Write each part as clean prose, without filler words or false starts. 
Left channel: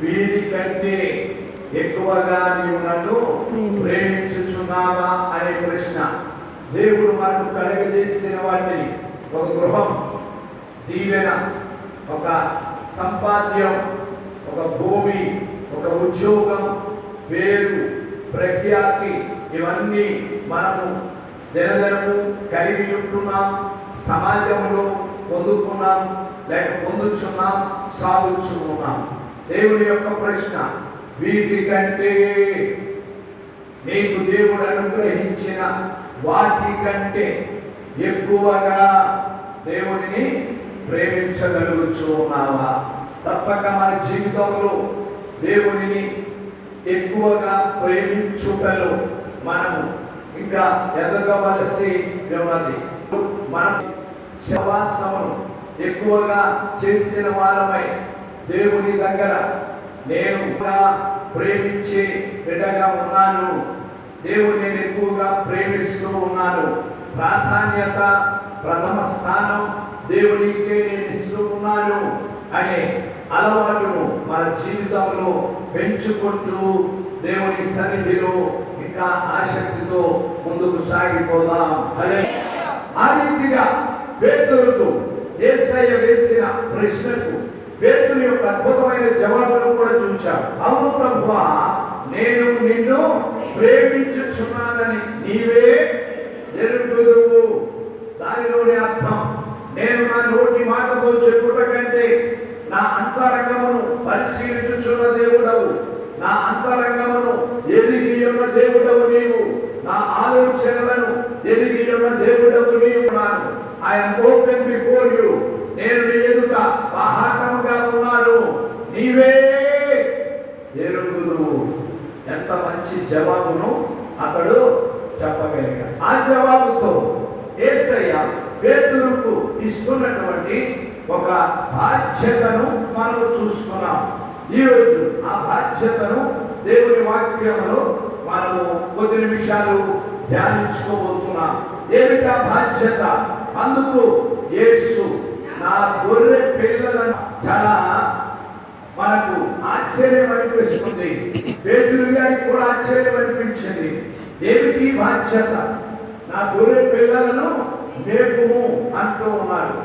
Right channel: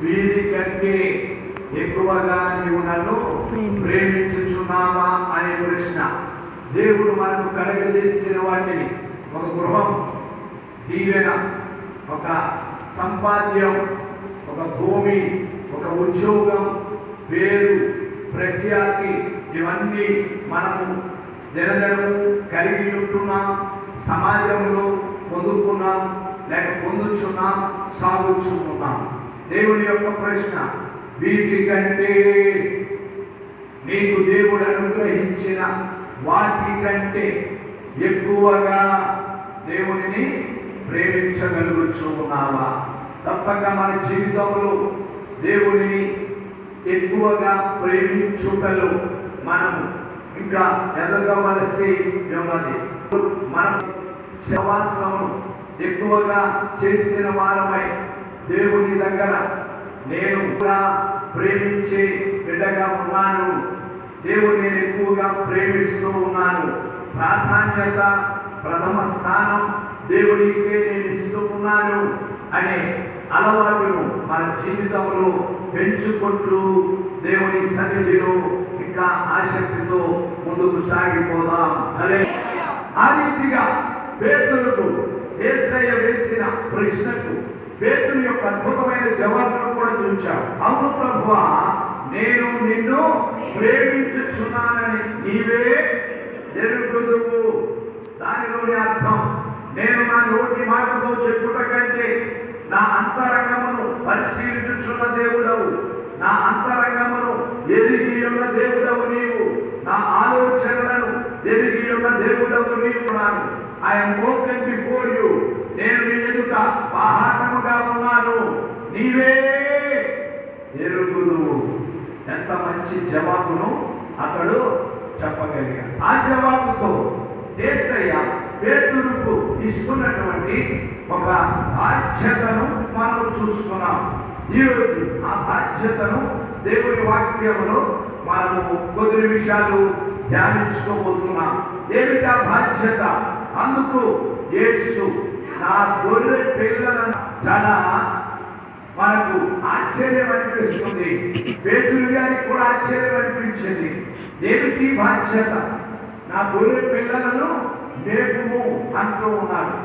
వీరి కంటే ఎక్కువగా నీవు నన్ను ప్రేమించుచున్నావా అనే ప్రశ్న. దేవుడు మనకు కలుగజేసిన వాటిని, ఒక గృహం, దీవెన, ఒక సంపాద్యం, ఒక భూమి, ఒక ఉద్యోగం, పేరు, ప్రఖ్యాతి, ఇవన్నీ మనము దినదినము కలిగి ఉంటున్నాం, సమాజంలో పొందుకున్నాం, లేక పొందుచున్నాం, సాగుచున్నాం. దేవుని యొక్క ప్రశ్న, వీటికంటే నీకు దేవుడు అనుగ్రహించిన వాటి కంటే ఎక్కువగా దేవునిని ప్రేమించగలుగుచు ఉన్నావా? తప్పక మన జీవితంలో దేవునిని ఎక్కువగా ప్రేమించుటలో మనము ఇంకా ఎదగవలసి ఉన్నది. మనం సహవాసమును ఎక్కువగా చేసిన వారమై దేవుని దగ్గర నేను ప్రేమించే బిడ్డగా ఉన్నాను, దేవుని నేను ఎక్కువగా ప్రేమిస్తూ ఉన్నాను, ప్రాధాన్యత, ప్రథమ స్థానం దేవునికే నేను ఇస్తూ ఉన్నాను అనే అలవాటును మన జీవితంలో పెంచుకుంటూ దేవుని సన్నిధిలో ఇంకా ఆసక్తితో ముందుకు సాగిపోదాం. అదే ఆ రీతిగా పేతురుకు యేసయ్య వేసిన ప్రశ్నకు పేతురు యొక్క అద్భుతమైన జవాబును కూడా చూచాడు. అవును ప్రభువా, నేను నిన్ను ప్రేమించుచున్నానని నీవే ఎరుగుదువు. దానిలోని అర్థం, నేను నా నోటి మాటతో చెప్పుట కంటే నా అంతరంగమును పరిశీలించుచున్న దేవుడవు, నా అంతరంగమును ఎరిగి ఉన్న దేవుడవు నీవు, నా ఆలోచనలను ఎరిగి ఉన్న దేవుడవు నీవు. ఐఎమ్ ఓపెన్ బిఫోర్ యు, నేను నీ ఎదుట బాహాటముగా ఉన్నాను, నీవే ఎరుగుదువు. ఎంత మంచి జవాబును అతడు చెప్పగలిగాడు. ఆ జవాబుతో యేసయ్య పేతురుకు ఇస్తున్నటువంటి ఒక బాధ్యతను మనము చూస్తున్నాం. ఈరోజు ఆ బాధ్యతను దేవుని వాక్యంలో మనము కొద్ది నిమిషాలు ధ్యానించుకోబోతున్నాం. ఏమిటా బాధ్యత? అందుకు యేసు నా గొర్రె పిల్లలను, చాలా మనకు ఆశ్చర్యం అనిపిస్తుంది, పేతురు గారికి కూడా ఆశ్చర్యం అనిపించింది. ఏమిటి బాధ్యత? నా గొర్రె పిల్లలను మేపుము అంటూ ఉన్నాడు.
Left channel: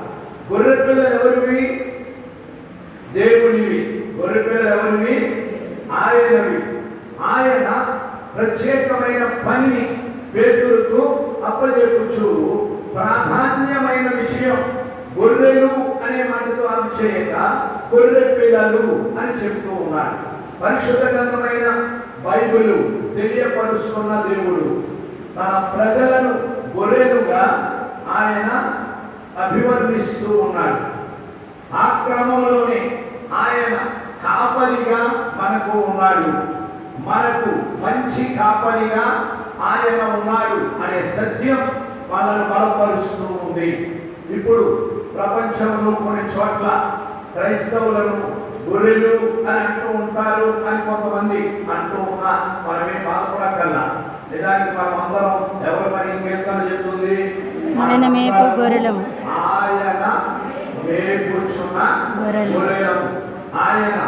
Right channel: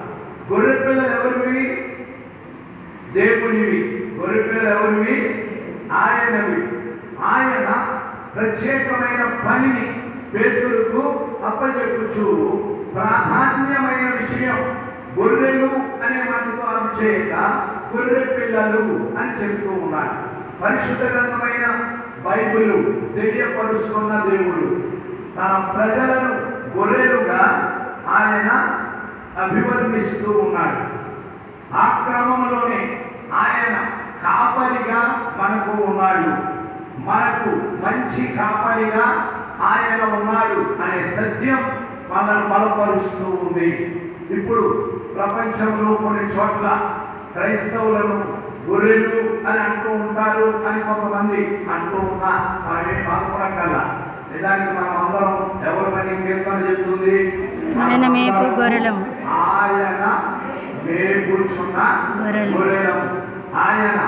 గొర్రె పిల్లలు ఎవరివి? దేవునివి. గొర్రె పిల్లలు ఎవరివి? ఆయనవి. ఆయన ప్రత్యేకమైన పనిని పేతురుకు అప్పచెప్పుచు ప్రాధాన్యమైన విషయం గొర్రెలు అనే మాటతో చేయక గొర్రె పిల్లలు అని చెప్తూ ఉన్నాడు. పరిశుద్ధ గ్రంథమైన బైబిలు తెలియపరుస్తున్న దేవుడు తన ప్రజలను గొర్రెలుగా ఆయన అభివర్ణిస్తూ ఉన్నాడు. ఆ క్రమంలోనే ఆయన కాపరిగా మనకు ఉన్నాడు, మనకు మంచి కాపరిగా ఆయన ఉన్నాడు అనే సత్యం మనల్ని బలపరుస్తూ ఉంది. ఇప్పుడు ప్రపంచంలో కొన్ని చోట్ల క్రైస్తవులను గొర్రెలు అని అంటూ ఉంటారు అని కొంతమంది అంటూ ఉన్నా మనమే బాధపడగల. నిజానికి మనం అందరం ఎవరిని కీర్తన చెప్తుంది, ఆయన మేపు గొర్రెలము, ఆయన మేపుచున్న గొర్రెలము. ఆయన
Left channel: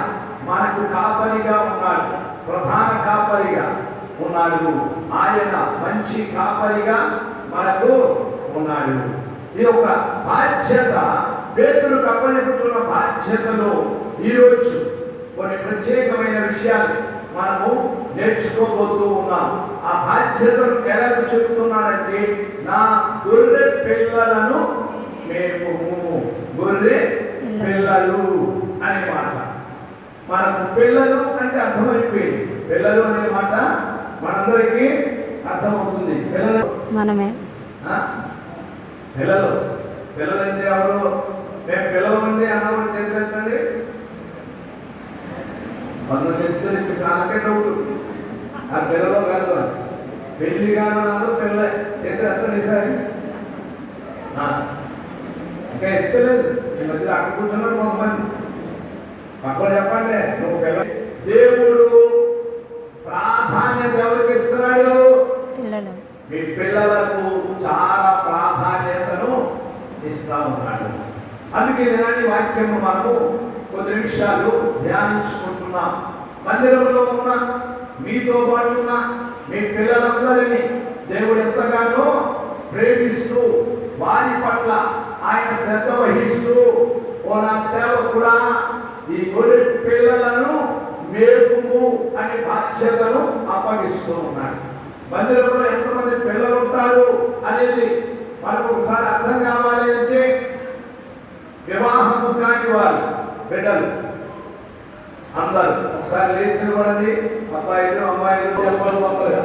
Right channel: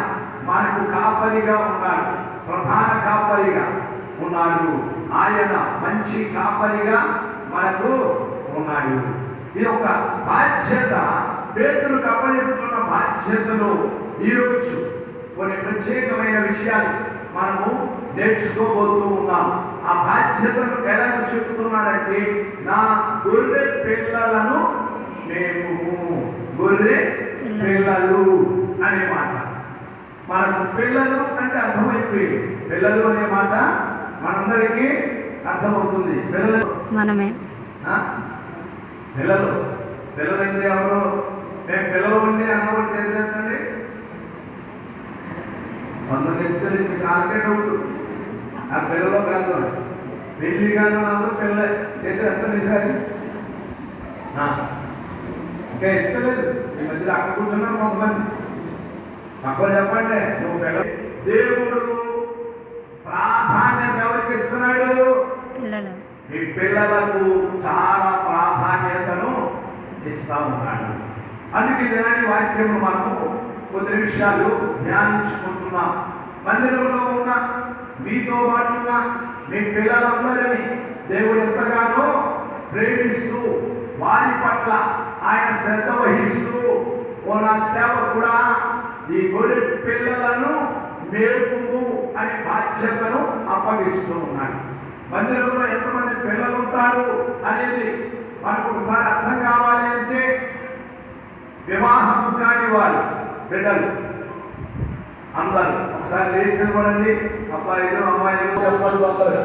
మనకు కాపరిగా ఉన్నాడు, ప్రధాన కాపరిగా ఉన్నాడు, ఆయన మంచి కాపరిగా మనకు ఉన్నాడు. ఈ యొక్క బాధ్యత, పేతురుకు అప్పచెప్పుతున్న బాధ్యతలో ఈరోజు కొన్ని ప్రత్యేకమైన విషయాలు మనము నేర్చుకోబోతూ ఉన్నాం. ఆ బాధ్యతను ఎలా చెప్తున్నాడంటే, నా గొర్రె పిల్లలను మేపుము. గొర్రె పిల్లలు అనే మాట మనకు పిల్లలు అంటే అర్థమైపోయింది. పిల్లలు అనే మాట మనందరికీ అర్థమవుతుంది. పిల్లలు మనమే. పిల్లలు పిల్లలు అంటే ఎవరు? మేము పిల్లలండి అన్నవాడు చేసేదండి. కొంతమంది నాకే డౌట్, ఆ పిల్లలు కాదు, పెళ్లి కాదు, నాదు పిల్ల చేతులు ఎంత తీశారు, ఇంకా ఎత్తలేదు. ఈ మధ్యలో అక్కడ కూర్చున్నారు కొంతమంది. అప్పుడు చెప్పండి, నువ్వు పిల్ల. దేవుడు ప్రాధాన్యత ఎవరికి ఇస్తున్నాడు? మీ పిల్లలకు చాలా ప్రాధాన్యతను ఇస్తా ఉన్నాడు. అందుకే దాని వాక్యము మనము కొద్ది నిమిషాలు ధ్యానించుకుంటున్నాం. మందిరంలో ఉన్న మీతో పాటు ఉన్న మీ పిల్లలందరినీ దేవుడు ఎంతగానో ప్రేమిస్తూ వారి పట్ల ఆయన శ్రద్ధ వహిస్తూ, ఓ నా సేవకుడా ఈ గొర్రె పిల్లలను మేపుము అనే బాధ్యతను అప్పగిస్తూ ఉన్నాడు. మందిరంలో ఎంతమంది పిల్లలు ఉంటారు అనేది మనకు ఒకసారి అర్థం కావాలి అంటే, వివాహము కాని వారు బిడ్డలు అందరూ ఒకసారి లేచి నిలబడండి. అబ్బాయిలు అమ్మాయిలు చెప్పండి. తొందరగా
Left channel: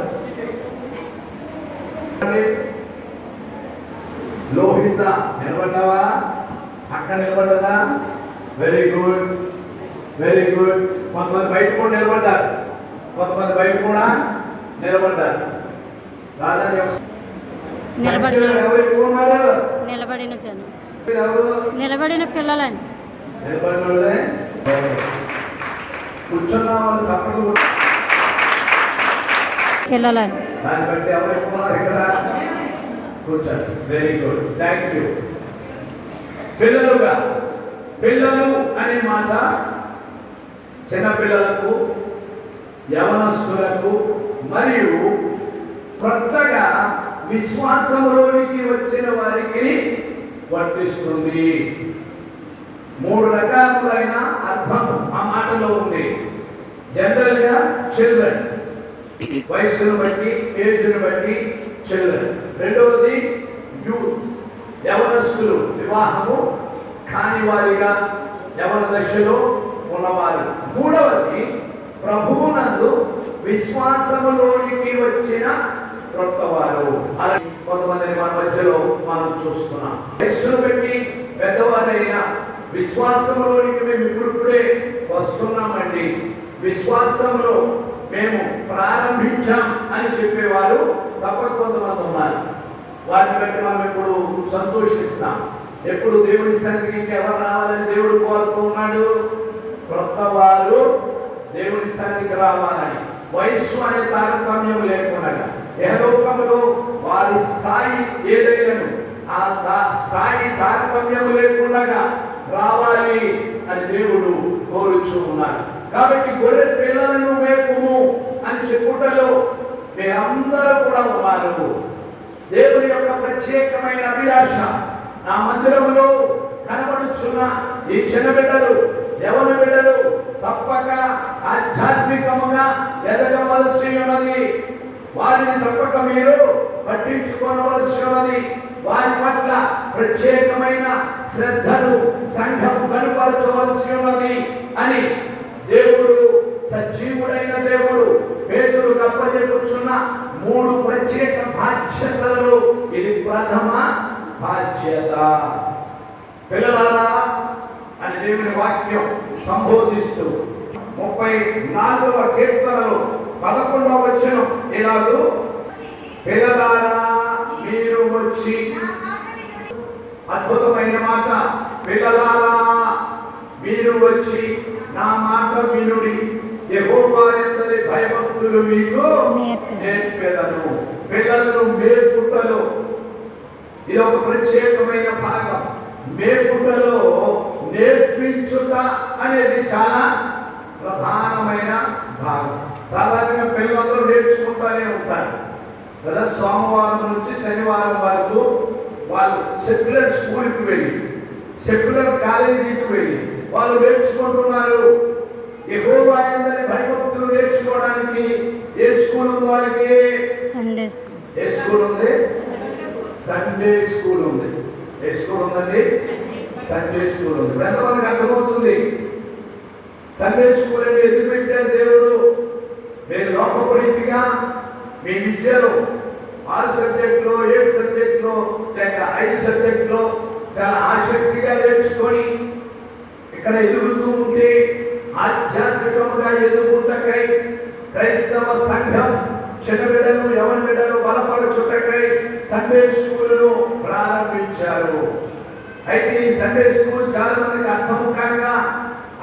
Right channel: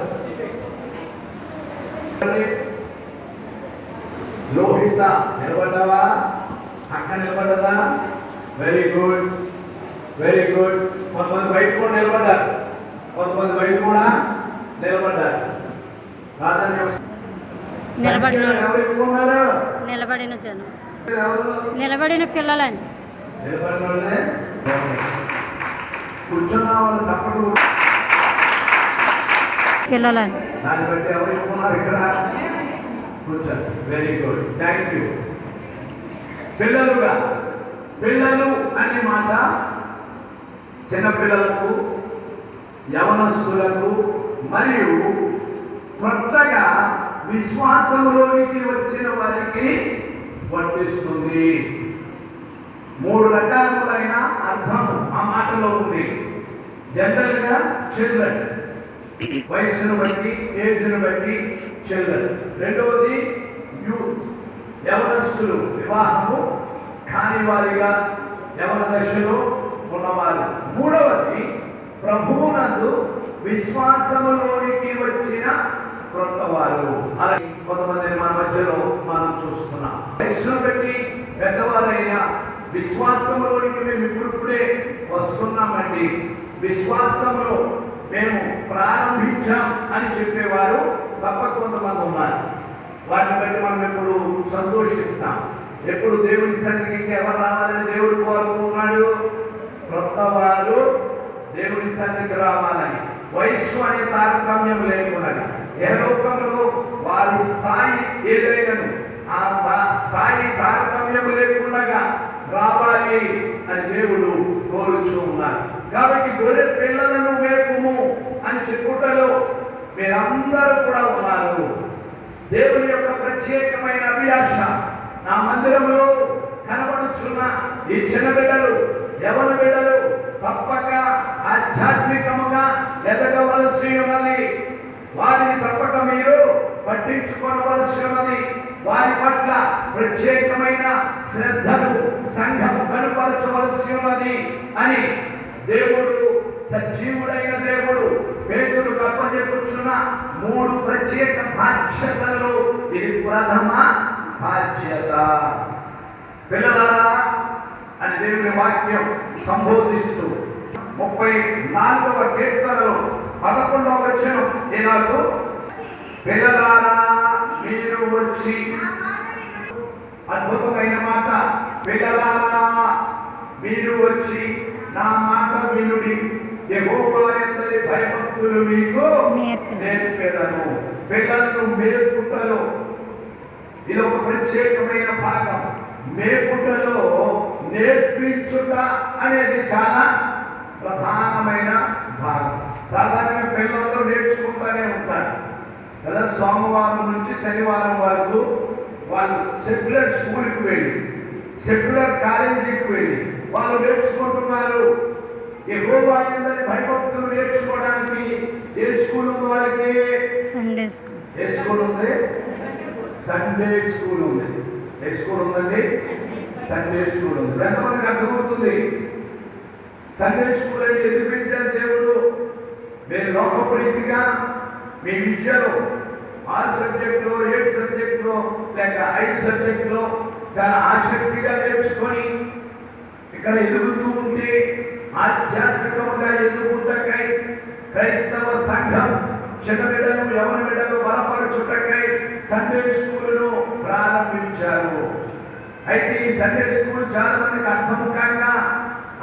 లోహిత నిలబడ్డావా? అక్క నిలబడ్డదా? Very good, very good. కొంతమంది బయట కూడా నిలబడ్డారు, కొంతమంది బయట కూడా నిలబడ్డారు. నిలబడిన జనం, నిలబడిన పిల్లలని నిలబడిన వాళ్ళే కూర్చున్న వాళ్ళు చప్పట్లు పిల్లలని దాన్ని బట్టి ఎవరు ఎక్కున్నారు ఇక్కడ కూర్చోండి. Very good, thank you. పిల్లలుగా, పిల్లలు అనే మాట చిన్నపిల్లలకు, యవనస్తులకు మరియు కొత్తగా విశ్వాసంలోనికి వచ్చిన వారికి వర్తిస్తుంది. 3 రకాలైన అర్థం ఆ మాటలో ఉంది. జనరల్గా చిల్డ్రన్, వయస్సును బట్టి, ఏజ్ను బట్టి చిల్డ్రన్. రెండవది యూత్, యవనస్తులు, వివాహము కాని వారిగా యవన దశలో ఉన్నవారు. మూడవది ప్రభువునందు విశ్వాసములోనికి వచ్చిన క్రొత్తవారు. అలాగే కొంతమంది మన మధ్యలో మనం చూస్తున్నాం. వయస్సును బట్టి పెద్దవారైనా విశ్వాసంలోనికి మేము ఇప్పుడిప్పుడే వస్తున్నామండి, విశ్వాసంలో మేము ప్రారంభించాం అని చెప్పేవారు తప్పక కొంతమంది ఉన్నారు. వారిని బట్టి మనం ఇప్పుడు సంతోషిస్తాం. ఎప్పుడు దేవుని సన్నిధికి ఎవరు రావాలని దేవుడు కోరుతూ ఉన్నాడు? క్రొత్తవారు దేవుని సన్నిధికి రావాలని. వయస్సు అనే తారతమ్యం లేకుండా యెహోవాలో వారి స్థాయి ఏదైనాను ఆ స్థాయి తారతమ్యం లేకుండా రావాలి అని దేవుడు కోరుచూ ఉన్నారు. కాబట్టి గొర్రె పిల్లలను మేపుము అని చెప్పుటలో మీరందరూ కూడా ఉన్నారు. దేవుని యొక్క ప్రత్యేకమైన అభిలాష నా మందిరములో కనబడుచున్న ఈ చిన్న బిడ్డలు, యవన బిడ్డలు తప్పక ఆధ్యాత్మికముగా ఎదగవలసి ఉన్నది. వారిని తప్పక మీరు పట్టించుకోవలసి ఉన్నది. వారి పట్ల ప్రత్యేకమైన శ్రద్ధను సంఘం కనపరచవలసి ఉన్నది అని దేవుడు, సజీవుడైన దేవుడు పేతురు కప్పజెప్పుచున్న 3 ప్రత్యేక బాధ్యతలలో ఇది ప్రథమ బాధ్యత. పిల్లలారా అని దేవుని వాక్యం సంబోధిస్తూ 34వ కీర్తనలో 11వ వచనం ఈనాడు, పిల్లలారా మీరు వచ్చి, అద్భుతమైన మాట, పిల్లలారా మీరు వచ్చి నా మాట వినుడి, యెహోవా యందలి భయభక్తులు మీకు నేర్పెదను. పిల్లలను మేపుటలో ఇది ఒక ప్రత్యేకమైన భాగం. మేపుటలో నేర్పించుట అనేది చాలా ప్రధానమైన భాగం. సాధారణంగా పిల్లలందరూ నేర్చుకుంటూనే ఉంటారు కదా. సోమవారం నుంచి శనివారం వరకు వాళ్ళు సెక్యులర్ స్కూల్కి వెళ్ళి, సెక్యులర్ కాలేజీకి వెళ్ళి వాళ్ళు నేర్చుకుంటున్నారు. యెహోవా యందలి భయభక్తులు నేర్చుకోవడానికి ఏ స్కూల్ ఉంది వాళ్ళకి? Sunday school. ఏ స్కూల్ ఉంది? సండే స్కూల్ ఉంది. ఏ స్కూల్ ఉందండి? సండే స్కూల్ ఉంది. ఇప్పుడు ఎంతమందికి అర్థమవుతుంది? సండే స్కూల్ అని ఎందుకు పెట్టారు దేవుడు? మీరు లోకపు రీతిగా మీ విద్యలో 6 సబ్జెక్టులో, 7 సబ్జెక్టులో లేక 5 సబ్జెక్టులో చాలా ఆసక్తిగా నేర్చుకొని ఇక్కడ ఎదుగుతూ ఉంటే, ఆధ్యాత్మికంగా ఎదుగుటకై క్రైస్తవ సంఘం చిన్న బిడ్డలు, యవన బిడ్డలు బలపరచుటకై సండే స్కూలును ప్రారంభించారు. అయితే ఈ సండే స్కూల్ చాలా మందికి అర్థం కాక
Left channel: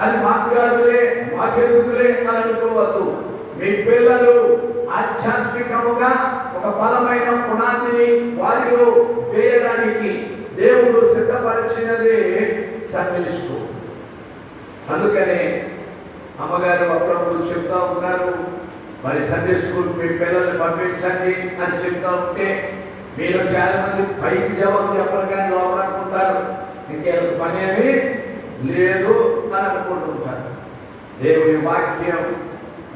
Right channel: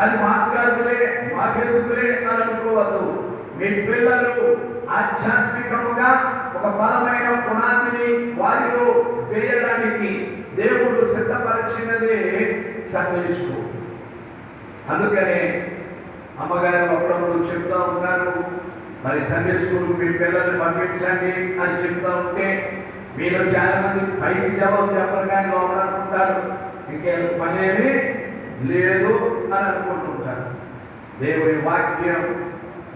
అది మాట్లాడులే, మాకెందుకులే అని అనుకోవద్దు. మీ పిల్లలు ఆధ్యాత్మికముగా ఒక బలమైన పునాదిని వారిలో వేయడానికి దేవుడు సిద్ధపరిచినదే సండే స్కూల్. అందుకనే అమ్మగారు అప్పుడప్పుడు చెప్తా ఉంటారు, మరి సండే స్కూల్ మీ పిల్లల్ని పంపించండి అని చెప్తా ఉంటే మీరు చాలా మంది పైకి జవాబు చెప్పరు కానీ లోపలనుకుంటారు ఇంకేం పని ఏమి లేదు అని అనుకుంటుంటారు. దేవుని వాక్యం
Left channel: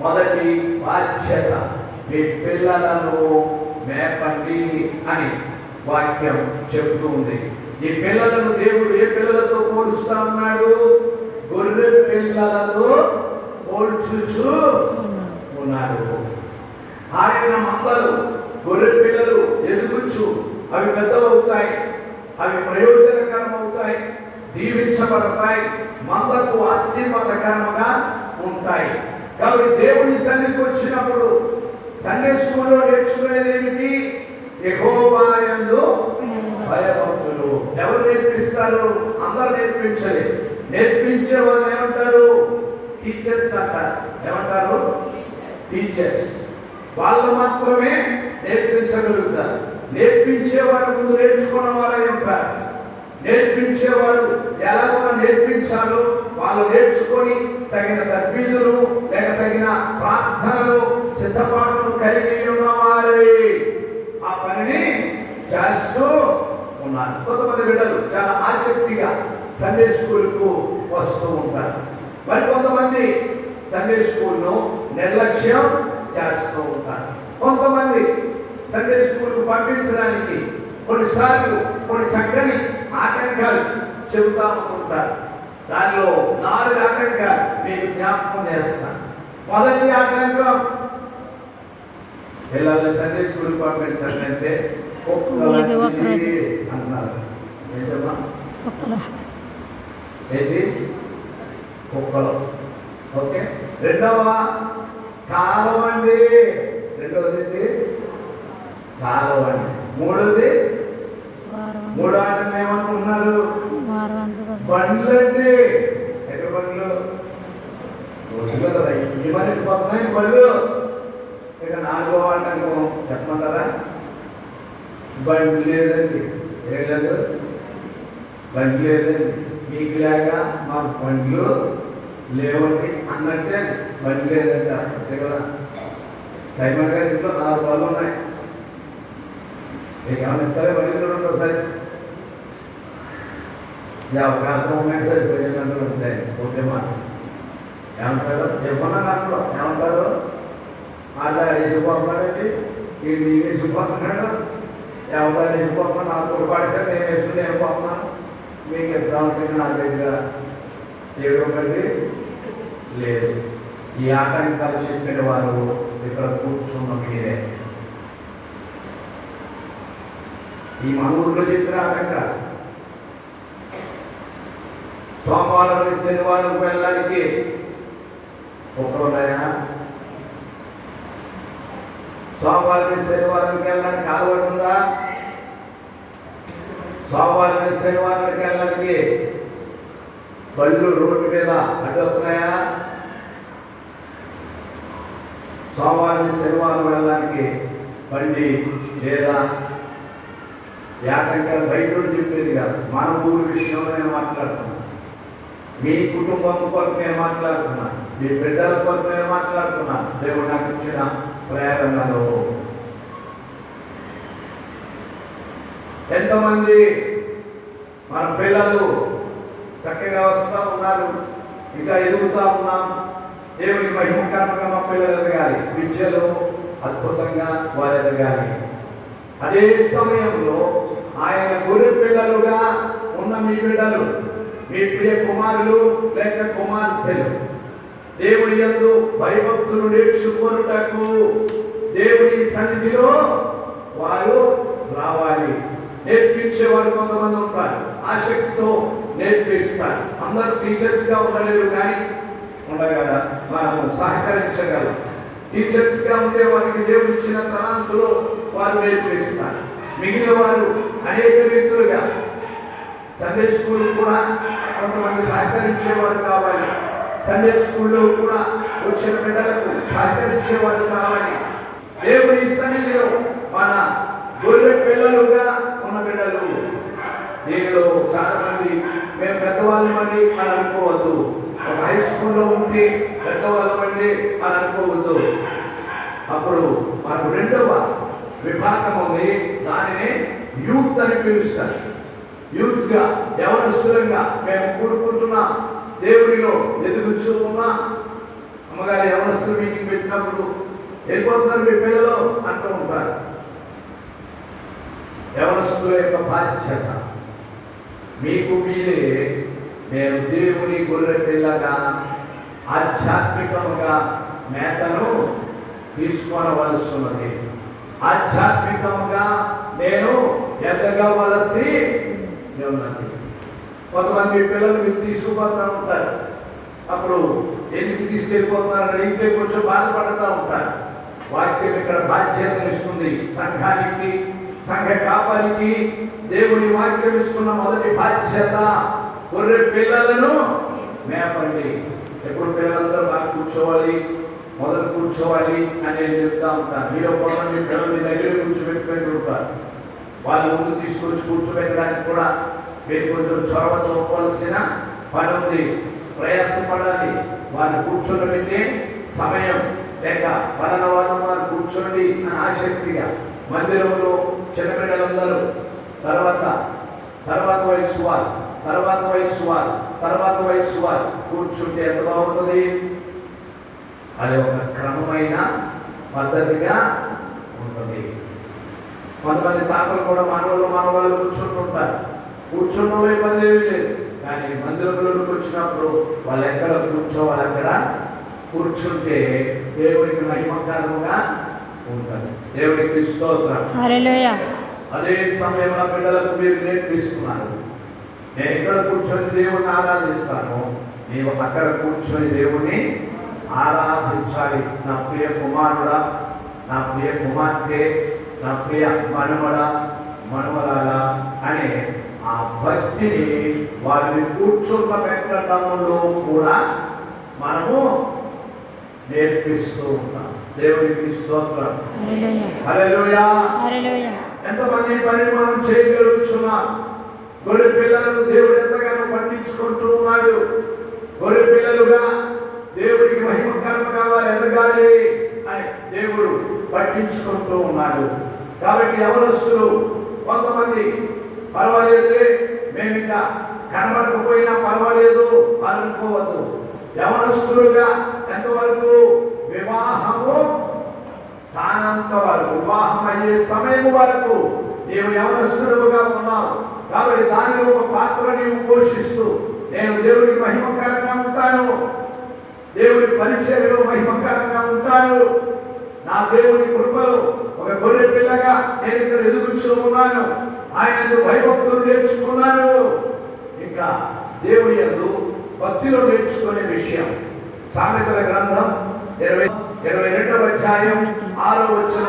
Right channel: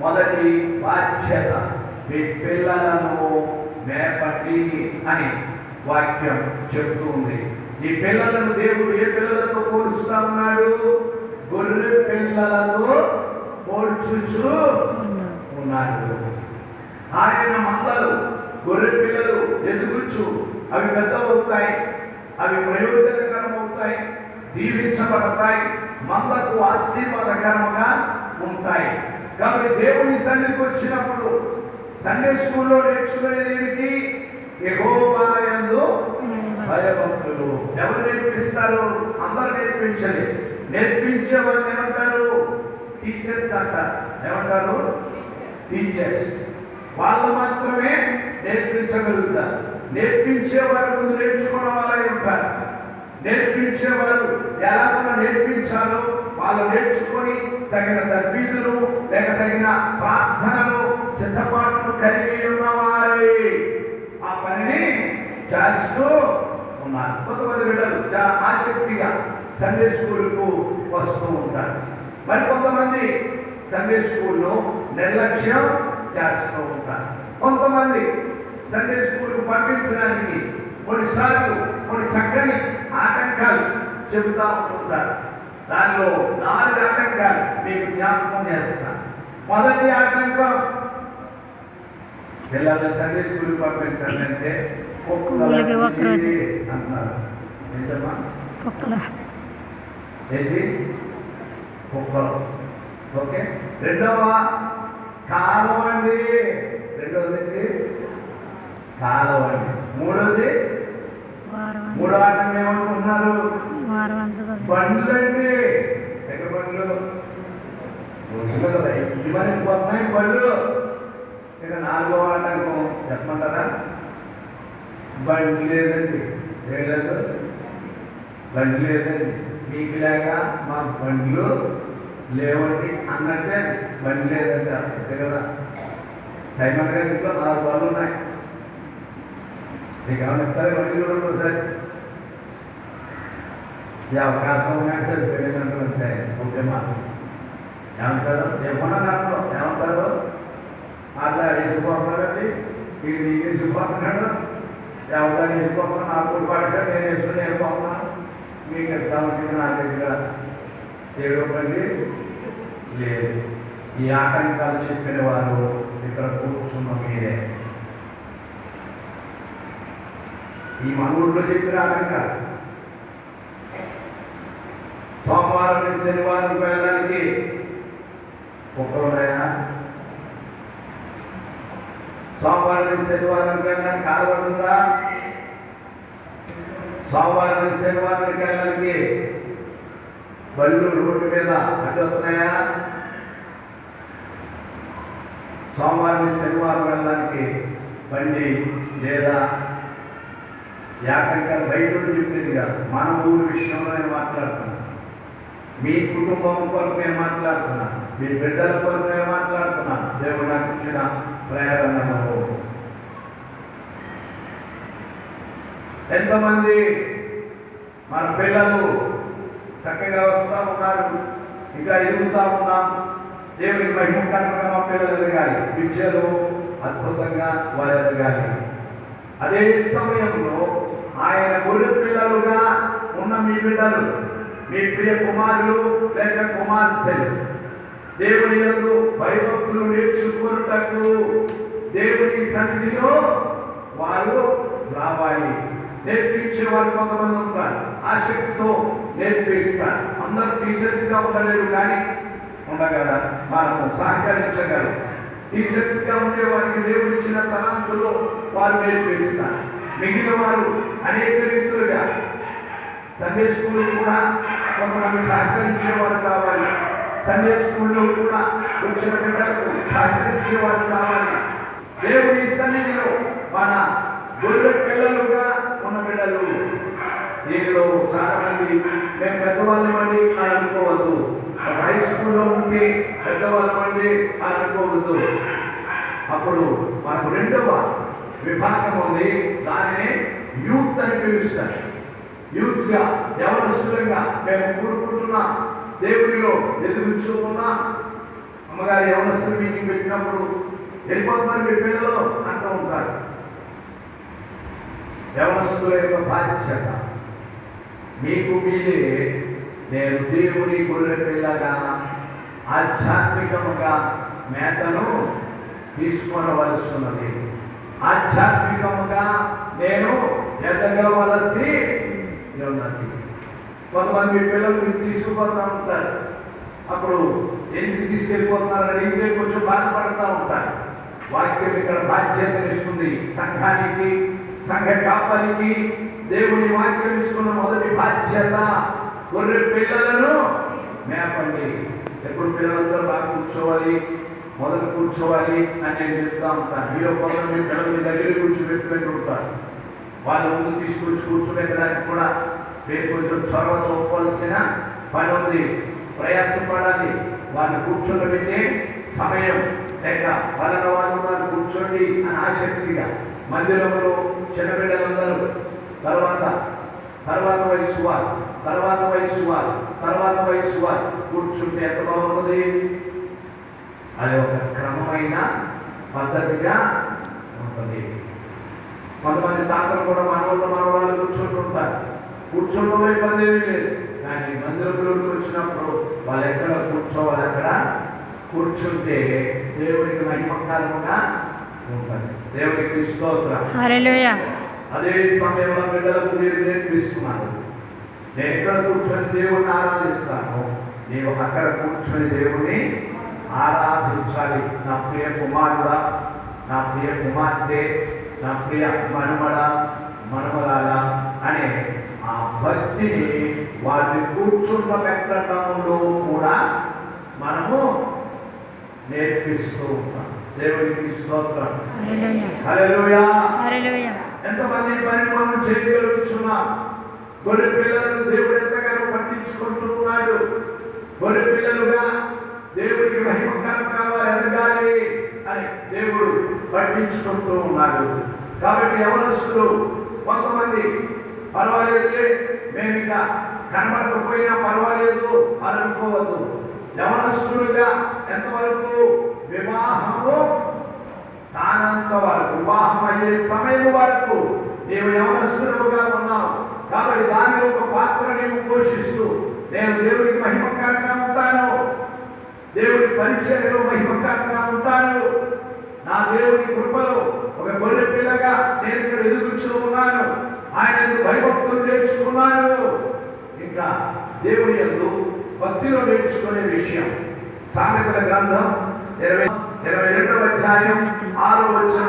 మొదటి బాధ్యత మీ పిల్లలను మేపండి అని వాక్యం చెప్తూ ఉంది. ఈ పిల్లలను దేవుడు ఏ పిల్లలతో పోలుస్తా ఉన్నాడు? గొర్రె పిల్లలతో పోల్చుచు ఉన్నాడు. ఆయన మందలు గొర్రె పిల్లలు ఎదుగుచు అవి పెద్దవవుతాయి, అవి ప్రయోజనకరం అవుతాయి, దీవించబడతాయి, మందకు ఆశీర్వాదకరంగా ఉంటాయి. కాబట్టి దేవుని సన్నిధికి వచ్చినప్పుడు సండే స్కూల్లో నేర్చుకునేది ఏమిటి? యెహోవా యందు భయభక్తులు. ఎవరు నేర్పిస్తారు? అందరు నేర్పించలేదు. నేర్పించే వాళ్ళు ఏమంటారు? టీచర్స్ అంటారు. ఏమంటారు? టీచర్స్. వాళ్ళు మాత్రమే నేర్పించగలుగుతారు. నేర్పించేవారు ముందు నేర్చుకున్న వారై ఉంటారు. నేర్పించేవారు ఎలాగో నేర్పించాలో వాళ్ళు నేర్చుకొని తగిన తరబీదులు లేక తగిన ప్రార్థనలు సిద్ధపాటును కలిగి ఉన్నవారై ఆ పనిని చేస్తూ ఉన్నారు. కొంతమంది బిడ్డలు చాలా ఆసక్తిగా సండే స్కూల్కు వస్తూ ఉంటారు. మరి కొంతమంది సండే స్కూల్ను నిర్లక్ష్యం చేస్తూ ఉంటారు. కొంతమంది సండే స్కూల్కు పంపించడానికి కొన్నిసార్లు కొన్ని చక్కని ఆటంకాలు చెబుతా ఉంటారు. దానిలో 4 ఆటంకాలు మీకు జ్ఞాపకం చేస్తాను. మొదటి ఆటంకం, పిల్లల్ని సండే స్కూల్ పంపించాలంటే స్కూల్కి ఒక్కరోజు అన్నారు. ఏంటమ్మా? కుక్కలు. ఏంటి? కుక్కలు. ఓకే. రెండవ కాలవండి. రెండవది కాలవండి. మూడోది మూడో ఆటం ఏమనుకున్నారు? బండ్లండి. ఎక్కడ బండ్లు? ఇవన్నీ పోతున్నాయి బండ్లు. ఇక 4వ ఆటంకం చెప్పమంటారా? బండి లేదండి. ఏం లేదు? బండి లేదండి. మీకు లేక మాకు బండ్లు లేవండి అన్నట్టే బండి లేదంట. అంతే కదా. సైమన్ గారి ఇంట్లో 4 బళ్ళు ఉన్నాయి. మీకు ఏమైనా ఇస్తారే? మళ్ళీ చూడండి ఒకసారి. అవకాశం ఉన్నాయంటే సరే పెరిగినట్టు అంతే. ఓకే మా ఏమంటారు? ఏమన్నా దాంట్లో ఏమంటారు? అట్లా వేసిపోతున్నాడండి, వీళ్ళు వేసిపోతున్నాడు, ఎవరు వేసిపోతున్నా నాకు పడితే నేను వేసుకుని వెళ్ళిపోతున్నాను, మీకు ఎగ్జామ్కి నా దగ్గర ఏడొకటి లేదు. ఈ ఆటంకాలు చెప్పిన వారు ఇక్కడ కూర్చున్న మీరే. ఈ మనూరులో చెప్పిన ఆటంకాలు సోమవారం నుంచి శనివారం వెళ్ళడానికి ఒక్కరోజైనా, సోమవారం నుంచి శనివారానికి వెళ్ళడానికి కాలపడుతుందా? సోమవారం నుంచి శనివారానికి వెళ్ళడానికి బళ్ళు రోడ్డు మీద అడ్డొస్తున్నాయా? సోమవారం నుంచి శనివారం వెళ్ళడానికి బండి లేదా? ఆటంకాలు బయట చెప్పేది కాదు, మన ఊరి విషయంలో నేను మాట్లాడుతున్నాను. మీ కుటుంబం కొరకు నేను మాట్లాడుతున్నాను, మీ బిడ్డల కొరకు నేను మాట్లాడుతున్నాను. దేవుడు నాకు ఇచ్చిన ప్రేరణలో ఎంతమంది మన పిల్లలు చక్కగా వస్తూ ఉన్నారు, ఇంకా ఎదుగుతూ ఉన్నాం. దేవునికి మహిమకరంగా మా పిల్లలు ఎదగాలి, విద్యలో అద్భుతంగా వారు ఎదగాలి. అదే సమయంలో ఆయన గొర్రె పిల్లలుగా ఉన్న మీ బిడ్డలు, మీ ప్రియ కుమారులు లేక కుమార్తెలు దేవుని యందు భయభక్తులు నేర్చుకోనుటకు దేవుని సన్నిధిలో వారు రావాలి. నేర్పించేవారు కొంతమంది ఉంటారు, ఆసక్తితో నేర్పిస్తారు. అందరూ టీచర్స్గా ఉండలేరు, కానీ ఉండగల మనము సహకరించగలం. టీచర్స్గా ఉండే వారికి దేవుడు ఇచ్చిన తలాంతులో వారు నేర్పిస్తారు. మిగిలిన వారు అనేక రీతులుగా సండే స్కూల్ కూడా కొంతమంది సహకరించేవారు కావాలి. సండే స్కూల్లో కూడా వచ్చిన బిడ్డలకు సహకరించేవారు కావాలి. దేవుని సన్నిధిలో మన గొర్రె పిల్లలుగా ఉన్న బిడ్డలు. దీనిలో చాలా మంది మేము పెద్దవాళ్ళమండి అని అనుకోవద్దు. ఒక హై స్కూల్లో ఉంటే పెద్దవాళ్ళం అండి అని అనుకోవద్దు. అప్పుడు మనకు రెండవ విభాగం ఉంది, దానిని యూత్ అని పిలుస్తారు. యూత్ గా యవనస్తులంగా మేము కూడుకుంటున్నా, దేవునిలో ఎదుగుచున్నా. అమ్మగారు యవనస్తులు మీటింగ్ పెట్టినప్పుడు వెళ్ళిపోతున్నారు మీ పిల్లలు అంటూ ఉంటారు. యవనస్తుల యొక్క బాధ్యత, మీకు మీరే నేను దేవుని గొర్రె పిల్లగా ఆధ్యాత్మికముగా మేతను తీసుకోవలసినది. ఆధ్యాత్మికముగా నేను ఎదగవలసి ఉన్నది. కొంతమంది పిల్లలు మీరు తీసుకుపోతూ ఉంటారు, అప్పుడు ఎందుకు తీసుకెళ్ళిపోతున్నారని ఇంకే కొంచెం బాధపడుతూ ఉంటారు. వాక్యం ఇక్కడ బాధ్యత ఇస్తుంది. సంఘానికి, సంఘ కాపానికి దేవుని వాక్యం ఇస్తున్న మొదటి బాధ్యత, గొర్రె పిల్లలను మేపండి. ఎప్పుడు పిల్లలందరూ బాగా కూర్చోవాలి, మొదలు కూర్చోవాలి అని నేను చెప్తా ఉంటాను. మీరు కొంతమంది పిల్లలు మీ దగ్గర కూర్చోబెట్టుకుని ఉంటారు. వాళ్ళు ముందు తీసుకొచ్చి కూర్చోబెట్టడానికి కూడా మీరు కొంచెం చొరవ చూపవలసిన పని ఉంది. ప్రయాసపడాలి. వారిని కూర్చోబెట్టే సమయం లేక వలన వారు కూర్చోండి అని ఆసక్తిగా మందిరంలో చిన్నపిల్లలందరూ తర్వాత వయసు వారు కూర్చుంటే ఎంత బాగుంటుంది. అది ఒక క్రమమైన పద్ధతిగా ఉంటుంది. కొంతమంది తాతలు కూడా మానవాళ్ళు కూర్చుంటుంటారు. కూర్చోవడంలో ఇబ్బంది ఏమీ లేదు, కానీ మందిరంలోకి వచ్చినప్పుడు వాళ్ళు ఎక్కడ కూర్చోవాలి అక్కడ కూర్చుంటే దేవుడికి మహిమకరంగా ఉంటుంది. దేవుడికి స్తోత్రం. హల్లెలూయా. అదే సమయంలో బిడ్డలకు మీరు నేర్పిస్తున్నారు, నేను ఎక్కడ కూర్చొని దేవుడిని ఆరాధిస్తాను, నీవు అక్కడ కూర్చొని దేవుడిని ఆరాధించాలి. నా ప్రియ కుమారుడా, నా ప్రియ కుమార్తె, నా ప్రియ మనవరాల అనే ఆ భక్తిని వారిని కూర్చున్న పెట్టడంలో కూడా మనము నేర్పిస్తూ ఉంటాం. దేవునికి స్తోత్రం. హల్లెలూయా. హల్లెలూయా. ఎంతమంది పని మనం చేయగలుగుతున్నాం. గొర్రె పిల్లలను దేవుడు ఎంతగానో పట్టించుకుంటున్నాడు. గొర్రె పిల్లలుగా దేవుడికి మహిమకరంగా ఎదగాలి అని దేవుడు పట్టించుకుంటూ ఉన్నాడు. కాబట్టి యవనస్తులు కొంతమంది పర్వాలేదులే, మేము ఇంకా కనబడకపోయినా పర్వాలేదు అనుకోవద్దు. యవనస్తులుగా ఎంతవరకు వివాహము కానంత వరకు, వివాహం అయ్యే సమయం వరకు నీవు యవనస్తులుగా ఉన్నావు. కాబట్టి దానిలో ఒక పాత్ర నీవు పోషిస్తూ, నేను దేవుడికి మహిమకరంగా ఉంటాను, దేవుడి పరిచర్యలో మహిమకరంగా ఉంటాను, నా దేవుని కృపలో ఒక గొర్రె పిల్లగా నేను ఇక్కడ ఎదుగుచూ ఉన్నాను, ఆయన భయభక్తులు నేర్చుకున్నాను. ఇంకా దేవుడి యందు భక్తిలో నేర్చుకునే విషయం సామెతల గ్రంథం 22వ అధ్యాయం 6వ వచనం